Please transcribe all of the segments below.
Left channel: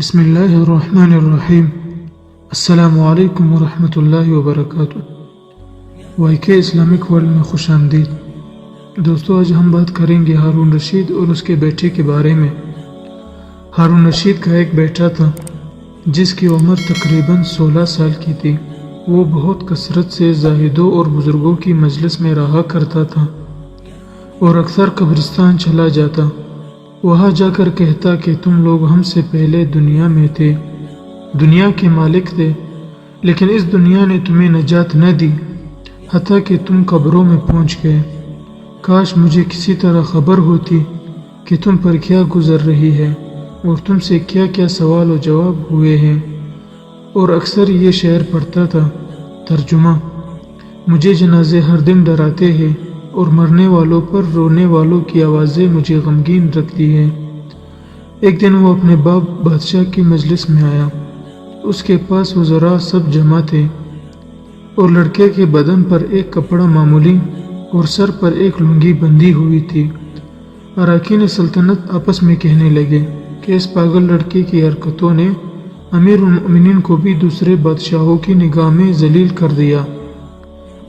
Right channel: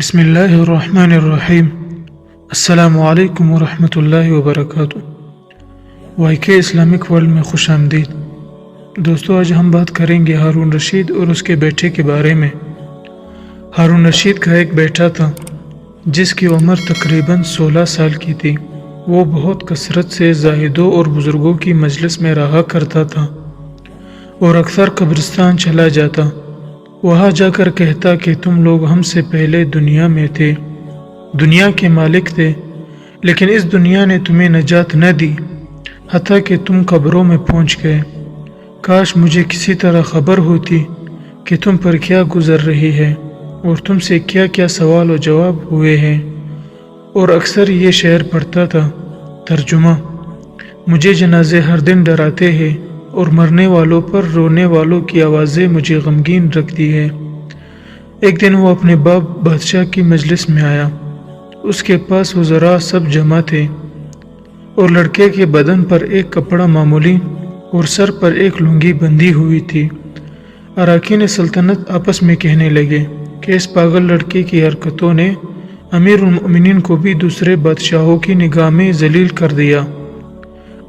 بسم اللہ الرحمن الرحیم۔ السلام علیکم ورحمۃ اللہ وبرکاتہ۔ وائی کے اسلامک ورلڈ میں خوش آمدید۔ دوستو، آج ہم بات کریں گے ہارون رشید اور اس کے بیٹے کے بارے میں۔ ہارون رشید کا ایک بیٹا تھا جس کی عمر تقریباً 16 سال کی تھی۔ وہ بہت کثرت سے زاہدوں اور بزرگوں کی مجلس میں رہا کرتا تھا اور اکثر قبرستان چلا جاتا۔ وہاں جا کر کہتا کہ تم لوگ ہم سے پہلے دنیا میں تھے، دنیا کے مالک تھے، لیکن اس دنیا نے تمہیں نجات نہ دی حتیٰ کہ تم قبروں میں پہنچ گئے۔ کاش مجھے کسی طرح خبر ہوتی کہ تم پر کیا گزر رہی ہے اور تم سے کیا کیا سوال و جواب ہوئے ہیں۔ اور اکثر یہ شعر پڑھتا تھا۔ ترجمہ: مجھے جنازے ہر دن ڈراتے ہیں اور مرنے والوں پر رونے والوں کی آوازیں مجھے غمگین رکھتی ہیں۔ ایک دن وہ اپنے باپ بادشاہ کی مجلس میں آیا۔ اس کے پاس وزراء سب جمع تھے اور لڑکے کے بدن پر ایک کپڑا معمولی اور سر پر ایک لنگی بندھی ہوئی تھی۔ اراکین سلطنت آپس میں کہنے لگے کہ اس پاگل لڑکے کی حرکتوں نے امیر المؤمنین کو بھی دوسرے بادشاہوں کی نگاہ میں ذلیل کر دیا۔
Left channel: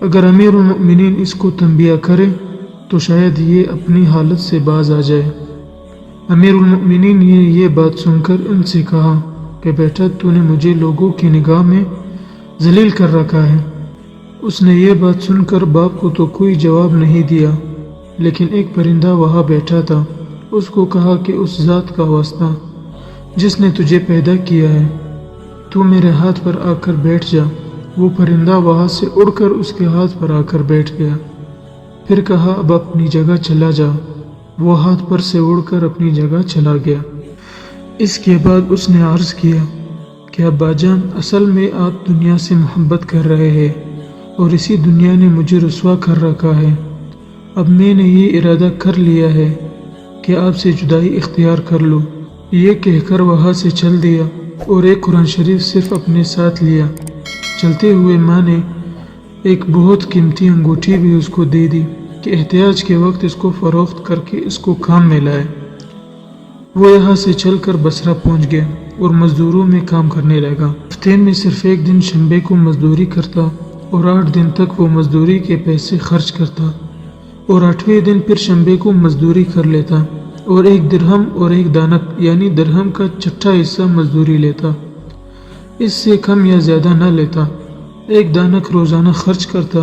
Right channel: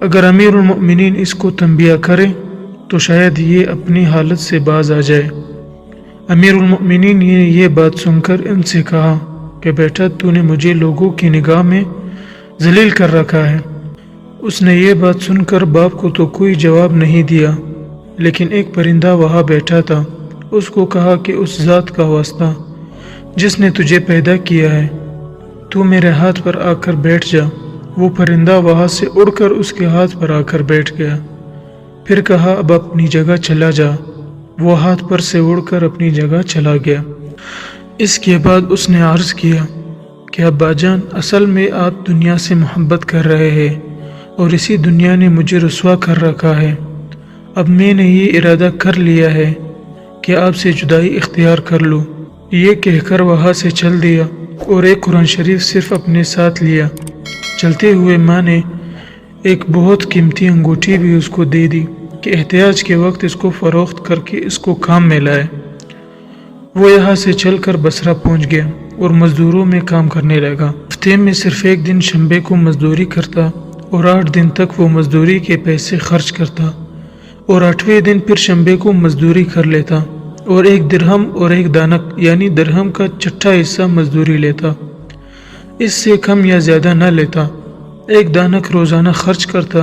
اگر امیر المؤمنین اس کو تنبیہ کرے تو شاید یہ اپنی حالت سے باز آ جائے۔ امیر المؤمنین نے یہ بات سن کر ان سے کہا کہ بیٹا، تو نے مجھے لوگوں کی نگاہ میں ذلیل کر رکھا ہے۔ اس نے یہ بات سن کر باپ کو تو کوئی جواب نہیں دیا، لیکن ایک پرندہ وہاں بیٹھا تھا۔ اس کو کہا کہ اس ذات کا واسطہ جس نے تجھے پیدا کیا ہے، تو میرے ہاتھ پر آ کر بیٹھ جا۔ وہ پرندہ وہاں سے اڑ کر اس کے ہاتھ پر آ کر بیٹھ گیا۔ پھر کہا اب اپنی جگہ چلا جا۔ وہ ہاتھ پر سے اڑ کر اپنی جگہ چلا گیا۔ اس کے بعد اس نے عرض کیا کہ ابا جان، اصل میں آپ دنیا سے محبت کر رہے ہیں اور اسی دنیا نے مجھے رسوا کر رکھا ہے۔ اب میں نے یہ ارادہ کر لیا ہے کہ آپ سے جدائی اختیار کر لوں۔ یہ کہہ کر وہاں سے چل دیا اور ایک قرآن شریف صرف اپنے ساتھ لیا۔ چلتے ہوئے ماں نے ایک بہت قیمتی انگوٹھی بھی اس کو دے دی کہ احتیاج کے وقت اس کو فروخت کر کے اس کو کام میں لائے۔ وہ یہاں سے چل کر بصرہ پہنچ گیا اور مزدوروں میں کام کرنے لگا۔ ہفتے میں صرف ایک دن شنبے کو مزدوری کرتا اور 8 دن تک وہ مزدوری کے پیسے خرچ کرتا اور 8ویں دن پھر شنبے کو مزدوری کر لیتا اور 1 درہم اور 1 دانک یعنی درہم کا 1/6 حصہ مزدوری لیتا۔ اس سے کم یا زیادہ نہ لیتا۔ 1 دانک روزانہ خرچ کرتا۔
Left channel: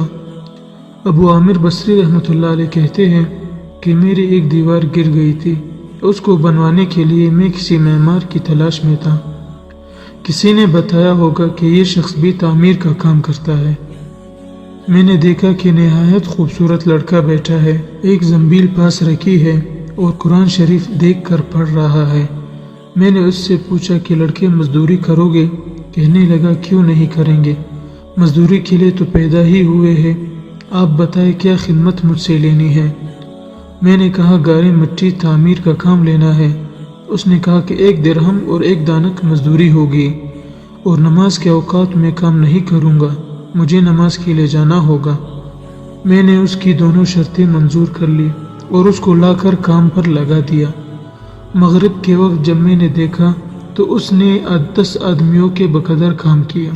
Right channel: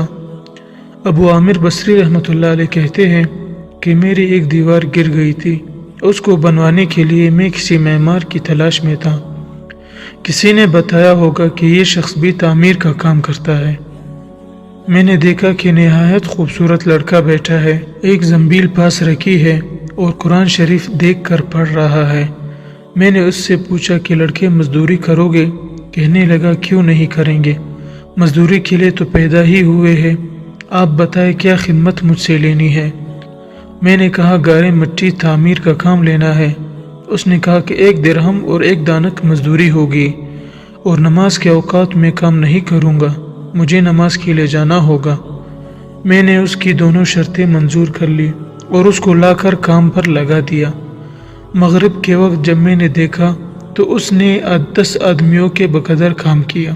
ابو عامر بصری رحمۃ اللہ علیہ کہتے ہیں کہ میری ایک دیوار گر گئی تھی۔ اس کو بنوانے کے لیے میں کسی معمار کی تلاش میں تھا۔ کسی نے بتایا ہوگا کہ یہ شخص بھی تعمیر کا کام کرتا ہے۔ میں نے دیکھا کہ نہایت خوبصورت لڑکا بیٹھا ہے، ایک زنبیل پاس رکھی ہے اور قرآن شریف دیکھ کر پڑھ رہا ہے۔ میں نے اس سے پوچھا کہ لڑکے مزدوری کرو گے؟ کہنے لگا کیوں نہیں کریں گے، مزدوری کے لیے تو پیدا ہی ہوئے ہیں۔ آپ بتائیں کیا خدمت مجھ سے لینی ہے؟ میں نے کہا گارے مٹی تعمیر کا کام لینا ہے۔ اس نے کہا کہ 1 درہم اور 1 دانک مزدوری ہوگی اور نماز کے اوقات میں کام نہیں کروں گا، مجھے نماز کے لیے جانا ہوگا۔ میں نے اس کی دونوں شرطیں منظور کر لی اور اس کو لا کر کام پر لگا دیا۔ مغرب کے وقت جب میں نے دیکھا تو اس نے 10 آدمیوں کے بقدر کام کیا۔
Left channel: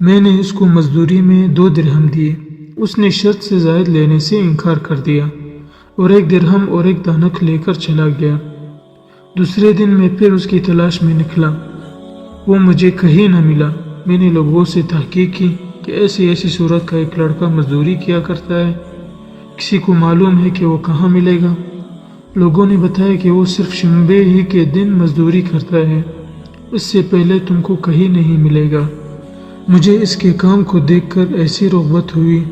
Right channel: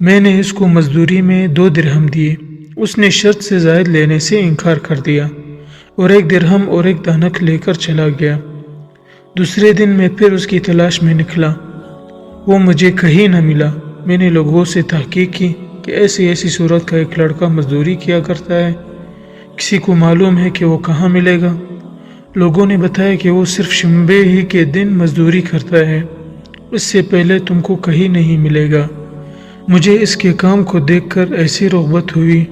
میں نے اس کو مزدوری میں 2 درہم دیے۔ اس نے شرط سے زائد لینے سے انکار کر دیا اور 1 درہم اور 1 دانک لے کر چلا گیا۔ دوسرے دن میں پھر اس کی تلاش میں نکلا، وہ مجھے کہیں نہ ملا۔ میں نے لوگوں سے تحقیق کی کہ ایسی صورت کا ایک لڑکا مزدوری کیا کرتا ہے، کسی کو معلوم ہے کہ وہ کہاں ملے گا؟ لوگوں نے بتایا کہ وہ صرف شنبے ہی کے دن مزدوری کرتا ہے، اس سے پہلے تم کو کہیں نہیں ملے گا۔ مجھے اس کے کام کو دیکھ کر ایسی رغبت ہوئی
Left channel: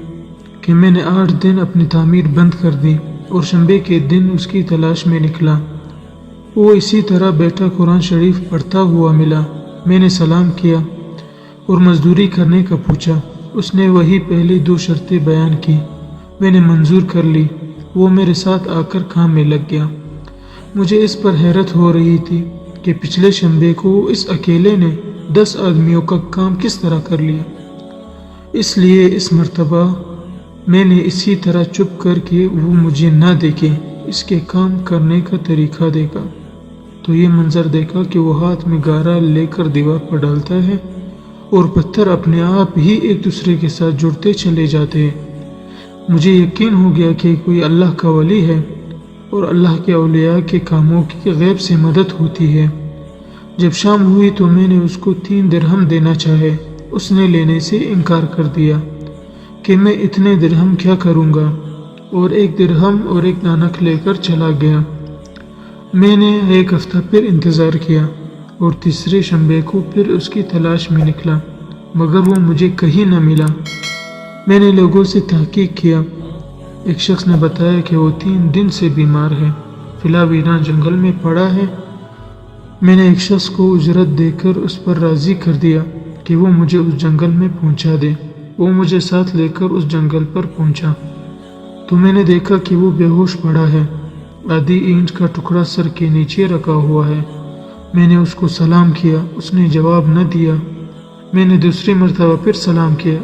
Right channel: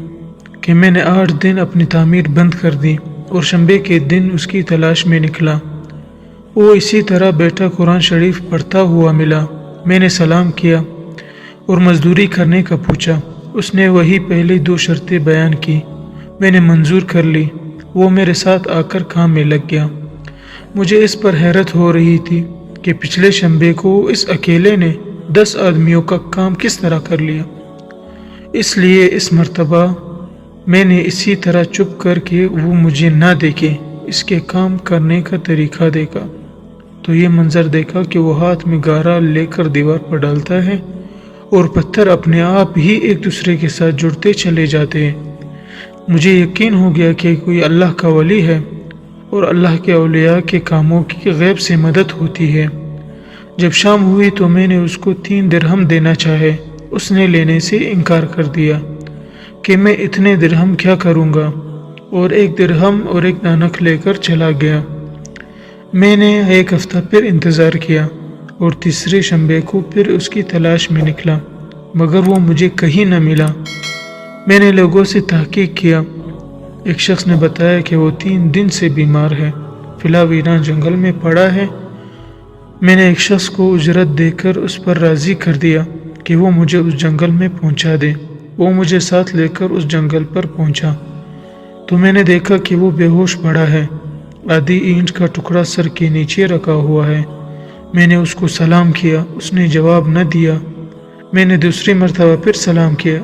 کہ میں نے 8 دن اپنی تعمیر بند کر دی اور شنبے کے دن اس کی تلاش میں نکلا۔ وہ اسی طرح بیٹا قرآن شریف پڑھتا ہوا ملا۔ میں نے سلام کیا اور مزدوری کرنے کا پوچھا۔ اس نے وہی پہلی 2 شرطیں بیان کی، میں نے منظور کر لی۔ وہ میرے ساتھ آ کر کام میں لگ گیا۔ مجھے اس پر حیرت ہو رہی تھی کہ پچھلے شنبے کو اس اکیلے نے 10 آدمیوں کا کام کس طرح کر لیا۔ اس لیے اس مرتبہ میں نے اسی طرح چپ کر کے وہ مجھے نہ دیکھے، اس کے کام کرنے کا طریقہ دیکھا تو یہ منظر دیکھا کہ وہ ہاتھ میں گارا لے کر دیوار پر ڈالتا ہے اور پتھر اپنے آپ ہی ایک دوسرے کے ساتھ جڑتے چلے جاتے ہیں۔ مجھے یقین ہو گیا کہ کوئی اللہ کا ولی ہے اور اللہ کے اولیاء کے کاموں کی غیب سے مدد ہوتی ہے۔ جب شام ہوئی تو میں نے اس کو 3 درہم دینا چاہے، اس نے لینے سے انکار کر دیا کہ میں اتنے درہم کیا کروں گا، اور 1 درہم اور 1 دانک لے کر چلا گیا۔ میں نے 1 ہفتہ پھر انتظار کیا اور تیسرے شنبے کو پھر اس کی تلاش میں نکلا، مگر وہ مجھے کہیں نہ ملا۔ میں نے لوگوں سے تحقیق کیا، ایک شخص نے بتایا کہ وہ 3 دن سے بیمار ہے، فلا ویران جنگل میں پڑا ہے۔ میں نے ایک شخص کو اجرت دے کر اس پر راضی کر دیا کہ وہ مجھے اس جنگل میں پہنچا دے۔ وہ مجھے ساتھ لے کر اس جنگل پر پہنچا تو میں نے دیکھا کہ وہ بے ہوش پڑا ہے، آدھی اینٹ کا ٹکڑا سر کے نیچے رکھا ہوا ہے۔ میں نے اس کو سلام کیا، اس نے جواب نہ دیا۔ میں نے دوسری مرتبہ پھر سلام کیا،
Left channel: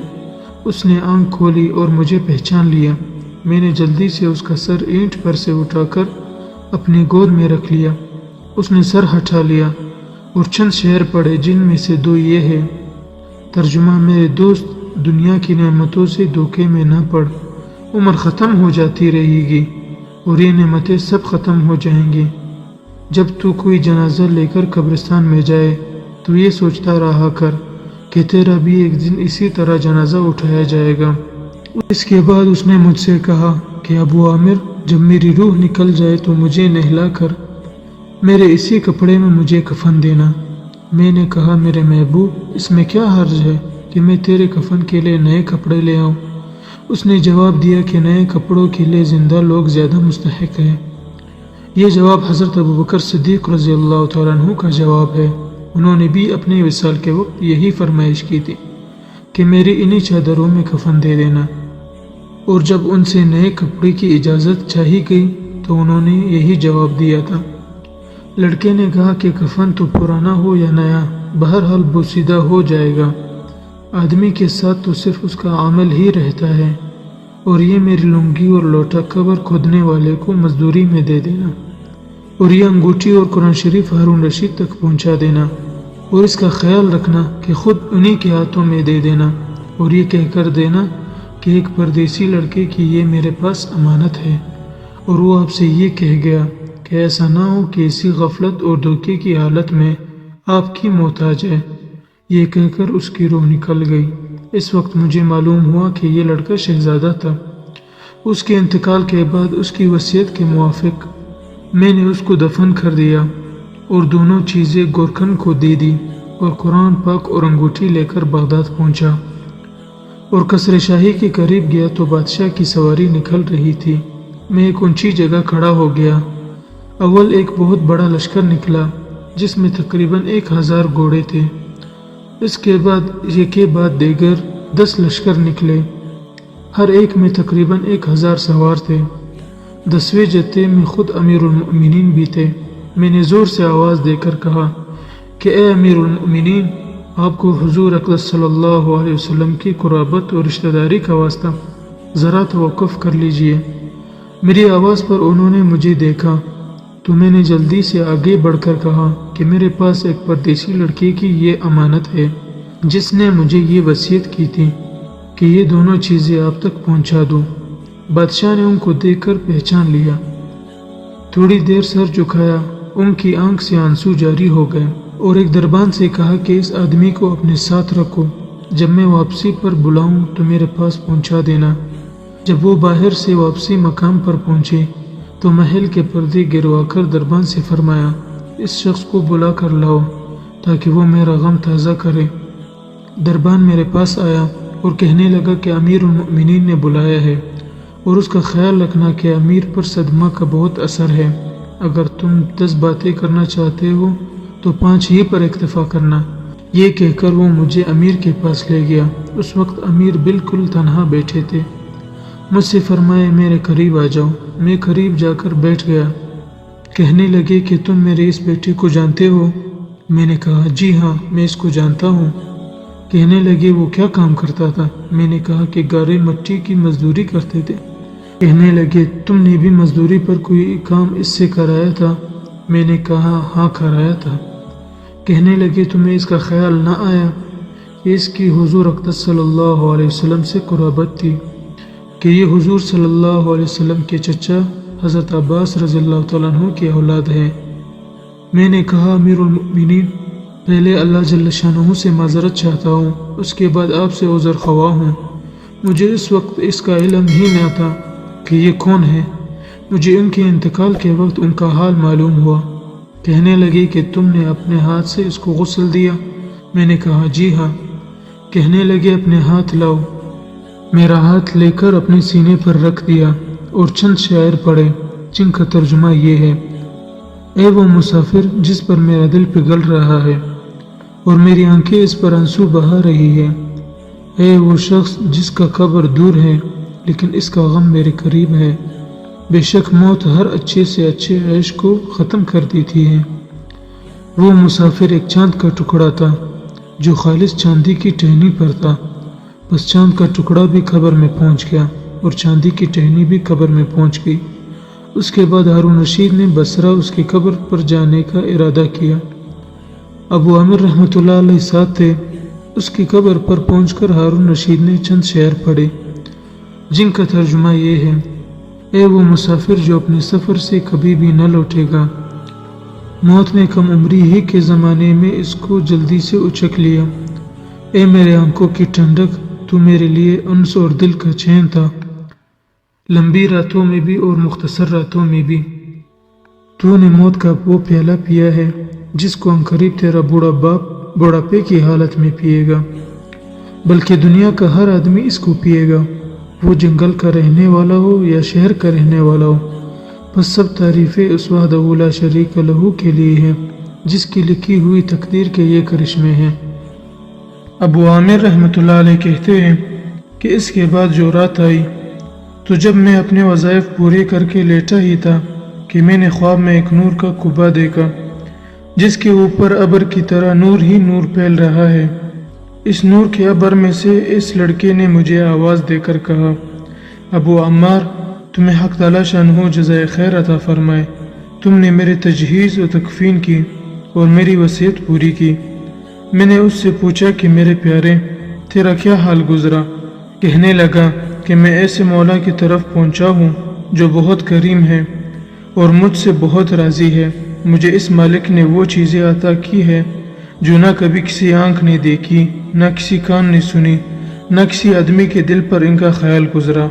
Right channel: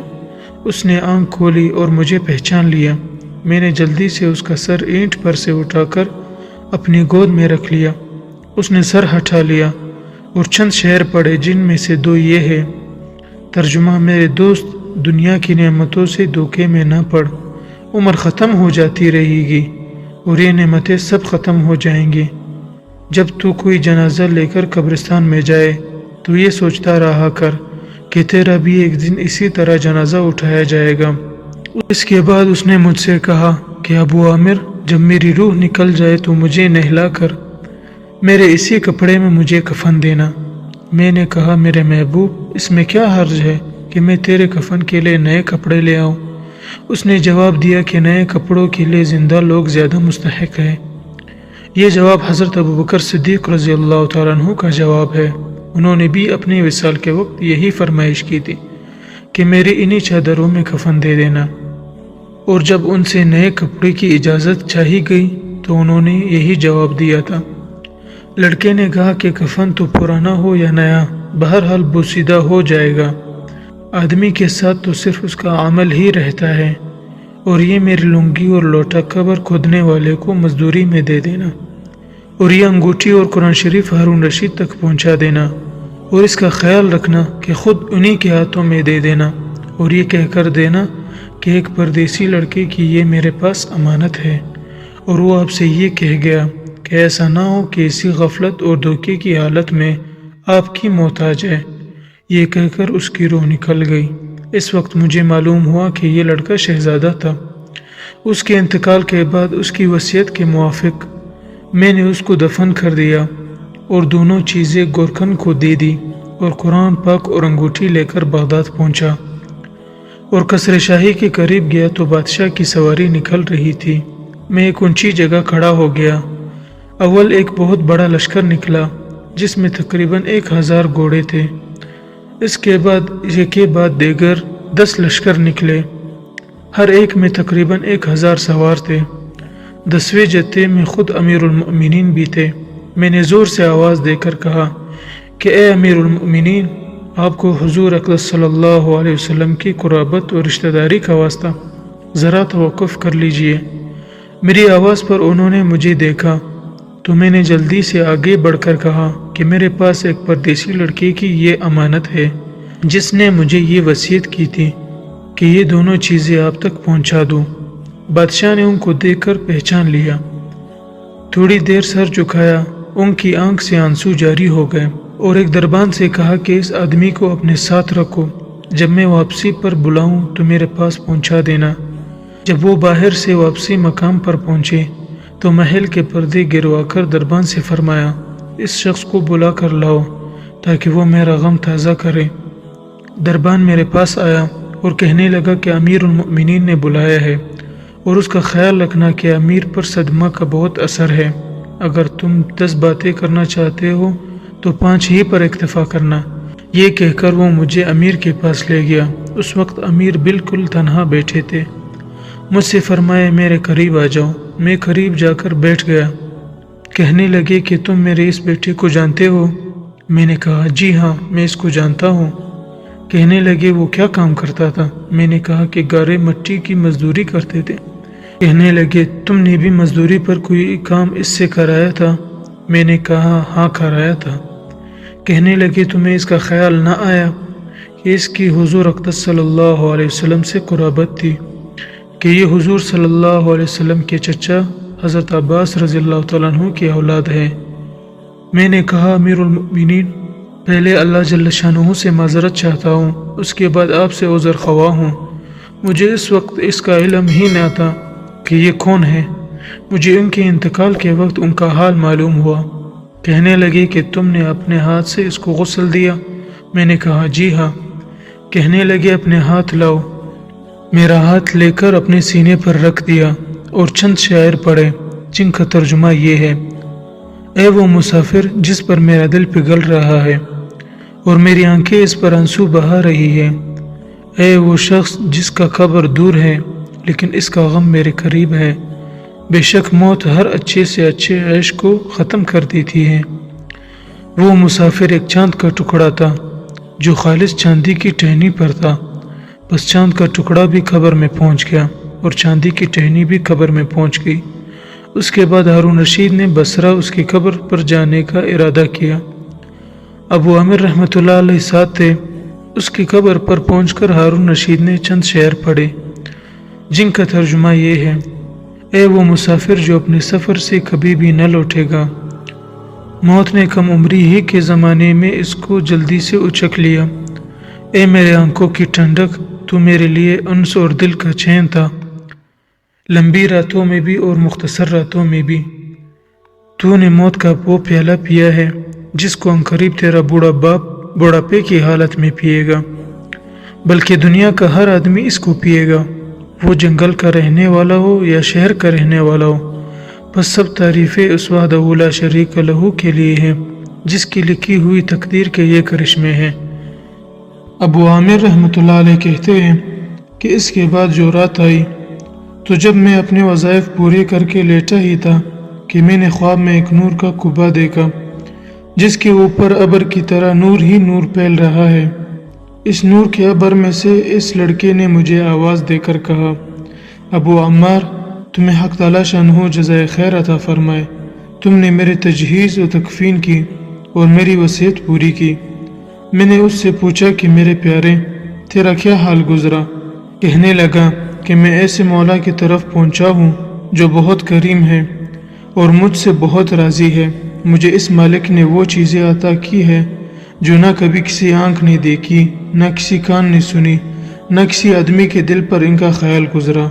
اس نے آنکھ کھولی اور مجھے پہچان لیا۔ میں نے جلدی سے اس کا سر اینٹ پر سے اٹھا کر اپنی گود میں رکھ لیا۔ اس نے سر ہٹا لیا اور چند شعر پڑھے، جن میں سے 2 یہ ہے: ترجمہ: میرے دوست، دنیا کی نعمتوں سے دھوکے میں نہ پڑ، عمر ختم ہو جاتی رہے گی اور یہ نعمتیں سب ختم ہو جائیں گی۔ جب تو کوئی جنازہ لے کر قبرستان میں جائے تو یہ سوچتا رہا کر کہ تیرا بھی ایک دن اسی طرح جنازہ اٹھایا جائے گا۔ اس کے بعد اس نے مجھ سے کہا کہ ابو عامر، جب میری روح نکل جائے تو مجھے نہلا کر میرے اسی کپڑے میں مجھے کفن دینا۔ میں نے کہا، میرے محبوب، اس میں کیا حرج ہے کہ میں تیرے کفن کے لیے نئے کپڑے لے آؤں؟ اس نے جواب دیا کہ نئے کپڑوں کے لیے زندہ لوگ زیادہ مستحق ہیں۔ یہ جواب حضرت ابوبکر صدیق رضی اللہ تعالیٰ عنہ کا جواب ہے۔ انہوں نے بھی اپنے وصال کے وقت یہی فرمائش کی تھی کہ میری انہی چادروں میں کفن دے دینا، اور جب ان سے نئے کپڑے کی اجازت چاہی گئی تو انہوں نے یہی جواب دیا تھا۔ لڑکے نے کہا کہ کفن تو پرانا ہو یا نیا، بہرحال بوسیدہ ہو جائے گا۔ آدمی کے ساتھ تو صرف اس کا عمل ہی رہتا ہے، اور یہ میری لنگی اور لوٹا قبر کھودنے والے کو مزدوری میں دے دینا، اور یہ انگوٹھی اور قرآن شریف ہارون رشید تک پہنچا دینا، اور اس کا خیال رکھنا کہ خود انہی کے ہاتھوں میں دے دینا، اور یہ کہہ کر دینا کہ ایک پردیسی لڑکے کی یہ میرے پاس امانت ہے، اور وہ آپ سے یہ کہہ گیا کہ ایسا نہ ہو کہ اسی غفلت اور دھوکے کی حالت میں آپ کی موت آ جائے۔ یہ کہہ کر اس کی روح نکل گئی۔ اس وقت مجھے معلوم ہوا کہ یہ لڑکا شہزادہ تھا۔ اس کے انتقال کے بعد اس کی وصیت کے موافق میں نے اس کو دفن کر دیا اور دونوں چیزیں گورکھن کو دے دی، اور قرآن پاک اور انگوٹھی لے کر بغداد پہنچا، اور قصر شاہی کے قریب گیا تو بادشاہ کی سواری نکل رہی تھی۔ میں ایک اونچی جگہ کھڑا ہو گیا۔ اول ایک بہت بڑا لشکر نکلا جس میں تقریباً 1000 گھوڑے تھے۔ اس کے بعد ایک کے بعد دیگر 10 لشکر نکلے، ہر ایک میں تقریباً 1000 سوار تھے۔ 10ویں جتھے میں خود امیر المؤمنین بھی تھے۔ میں نے زور سے آواز دے کر کہا کہ اے امیر المؤمنین، آپ کو حضور اقدس صلی اللہ علیہ وسلم کی قرابت اور رشتہ داری کا واسطہ، ذرا توقف کر لیجئے۔ میری آواز پر انہوں نے مجھے دیکھا تو میں نے جلدی سے آگے بڑھ کر کہا کہ میرے پاس ایک پردیسی لڑکے کی یہ امانت ہے جس نے مجھے یہ وصیت کی تھی کہ یہ دونوں چیزیں آپ تک پہنچا دوں۔ بادشاہ نے ان کو دیکھ کر پہچان لیا، تھوڑی دیر سر جھکایا، ان کی آنکھ سے آنسو جاری ہو گئے، اور ایک دربان سے کہا کہ اس آدمی کو اپنے ساتھ رکھو، جب میں واپسی پر بلاؤں تو میرے پاس پہنچا دینا۔ جب وہ باہر سے واپسی مقام پر پہنچے تو محل کے پردے گروا کر دربان سے فرمایا، اس شخص کو بلا کر لاؤ تاکہ وہ میرا غم تازہ کرے۔ دربان میرے پاس آیا اور کہنے لگا کہ امیر المؤمنین نے بلایا ہے، اور اس کا خیال رکھنا کہ امیر پر صدمہ کا بہت اثر ہے۔ اگر تم 10 باتیں کرنا چاہتے ہو تو 5 ہی پر اکتفا کرنا۔ یہ کہہ کر وہ مجھے امیر کے پاس لے گیا۔ اس وقت امیر بالکل تنہا بیٹھے تھے۔ مجھ سے فرمایا، میرے قریب آ جاؤ۔ میں قریب جا کر بیٹھ گیا۔ کہنے لگے کہ تم میرے اس بیٹے کو جانتے ہو؟ میں نے کہا، جی ہاں، میں اس کو جانتا ہوں۔ کہنے لگے، وہ کیا کام کرتا تھا؟ میں نے کہا کہ گارے مٹی کی مزدوری کرتے تھے۔ کہنے لگے، تم نے بھی مزدوری پر کوئی کام اس سے کرایا تھا؟ میں نے کہا ہاں کرایا تھا۔ کہنے لگے تمہیں اس کا خیال نہ آیا کہ اس کی حضور اقدس صلی اللہ علیہ وسلم سے قرابت تھی، کہ یہ حضور صلی اللہ علیہ وسلم کے چچا حضرت عباس رضی اللہ تعالیٰ عنہ کی اولاد ہے۔ میں نے کہا امیر المؤمنین، پہلے اللہ جل شانہ سے معذرت چاہتا ہوں، اس کے بعد آپ سے عذر خواہ ہوں۔ مجھے اس وقت اس کا علم ہی نہ تھا کہ یہ کون ہے۔ مجھے ان کے انتقال کے وقت ان کا حال معلوم ہوا۔ کہنے لگے کہ تم نے اپنے ہاتھ سے اس کو غسل دیا؟ میں نے کہا جی ہاں۔ کہنے لگے اپنے ہاتھ لاؤ۔ میرا ہاتھ لے کر اپنے سینے پر رکھ دیا اور چند شعر پڑھے جن کا ترجمہ یہ ہے: اے وہ مسافر جس پر میرا دل پگھل رہا ہے اور میری آنکھیں اس پر آنسو بہا رہی ہے، اے وہ شخص جس کا قبر دور ہے لیکن اس کا غم میرے قریب ہے، بے شک موت ہر اچھے سے اچھے عیش کو ختم کر دیتی ہے۔ وہ مسافر ایک چاند کا ٹکڑا تھا جو خالص چاندی کی ٹہنی پر تھا، بس چاند کا ٹکڑا بھی قبر میں پہنچ گیا اور چاندی کی ٹہنی بھی قبر میں پہنچ گئی۔ اس کے بعد ہارون رشید نے بصرہ اس کی قبر پر جانے کا ارادہ کیا۔ ابو عامر رحمۃ اللہ علیہ ساتھ تھے۔ اس کی قبر پر پہنچ کر ہارون رشید نے چند شعر پڑھے جن کا ترجمہ یہ ہے: اے وہ مسافر جو اپنے سفر سے کبھی بھی نہ لوٹے گا، موت نے کم عمری ہی کے زمانے میں اس کو جلدی سے اچک لیا۔ اے میرے آنکھوں کی ٹھنڈک، تو میرے لیے انس اور دل کا چین تھا، لمبی راتوں میں بھی اور مختصر راتوں میں بھی۔ تو نے موت کا وہ پیالہ پیا ہے جس کو عنقریب تیرا بوڑھا باپ بڑھاپے کی حالت میں پیے گا، بلکہ دنیا کا ہر آدمی اس کو پیے گا، وہ جنگل کا رہنے والا ہو یا شہر کا رہنے والا ہو۔ بس سب تعریفیں اس وحدہ لا شریک لہ کے لیے ہیں جس کی لکھی ہوئی تقدیر کے یہ کرشمے ہیں۔ ابو عامر رحمۃ اللہ علیہ کہتے ہیں کہ اس کے بعد جو رات آئی تو جب میں اپنے وظائف پورے کر کے لیٹا ہی تھا کہ میں نے خواب میں ایک نور کا قبہ دیکھا جس کے اوپر ابر کی طرح نور ہی نور پھیل رہا ہے۔ اس نور کے ابر میں سے اس لڑکے نے مجھے آواز دے کر کہا: ابو عمار، تمہیں حق تعالی شانہ جزائے خیر عطا فرمائے، تم نے میرے تجہیز و تکفین کی اور میری وصیت پوری کی۔ میں نے اس سے پوچھا کہ میرے پیارے، تیرا کیا حال گزرا؟ کہنے لگا کہ میں ایسے مولا کی طرف پہنچا ہوں جو بہت کریم ہے اور مجھ سے بہت راضی ہے۔ مجھے اس مالک نے وہ چیزیں عطا کی ہے جو نہ کبھی کسی آنکھ نے دیکھی، نہ کسی کان نے سنی، نہ کسی آدمی کے دل پر ان کا خیال گزرا۔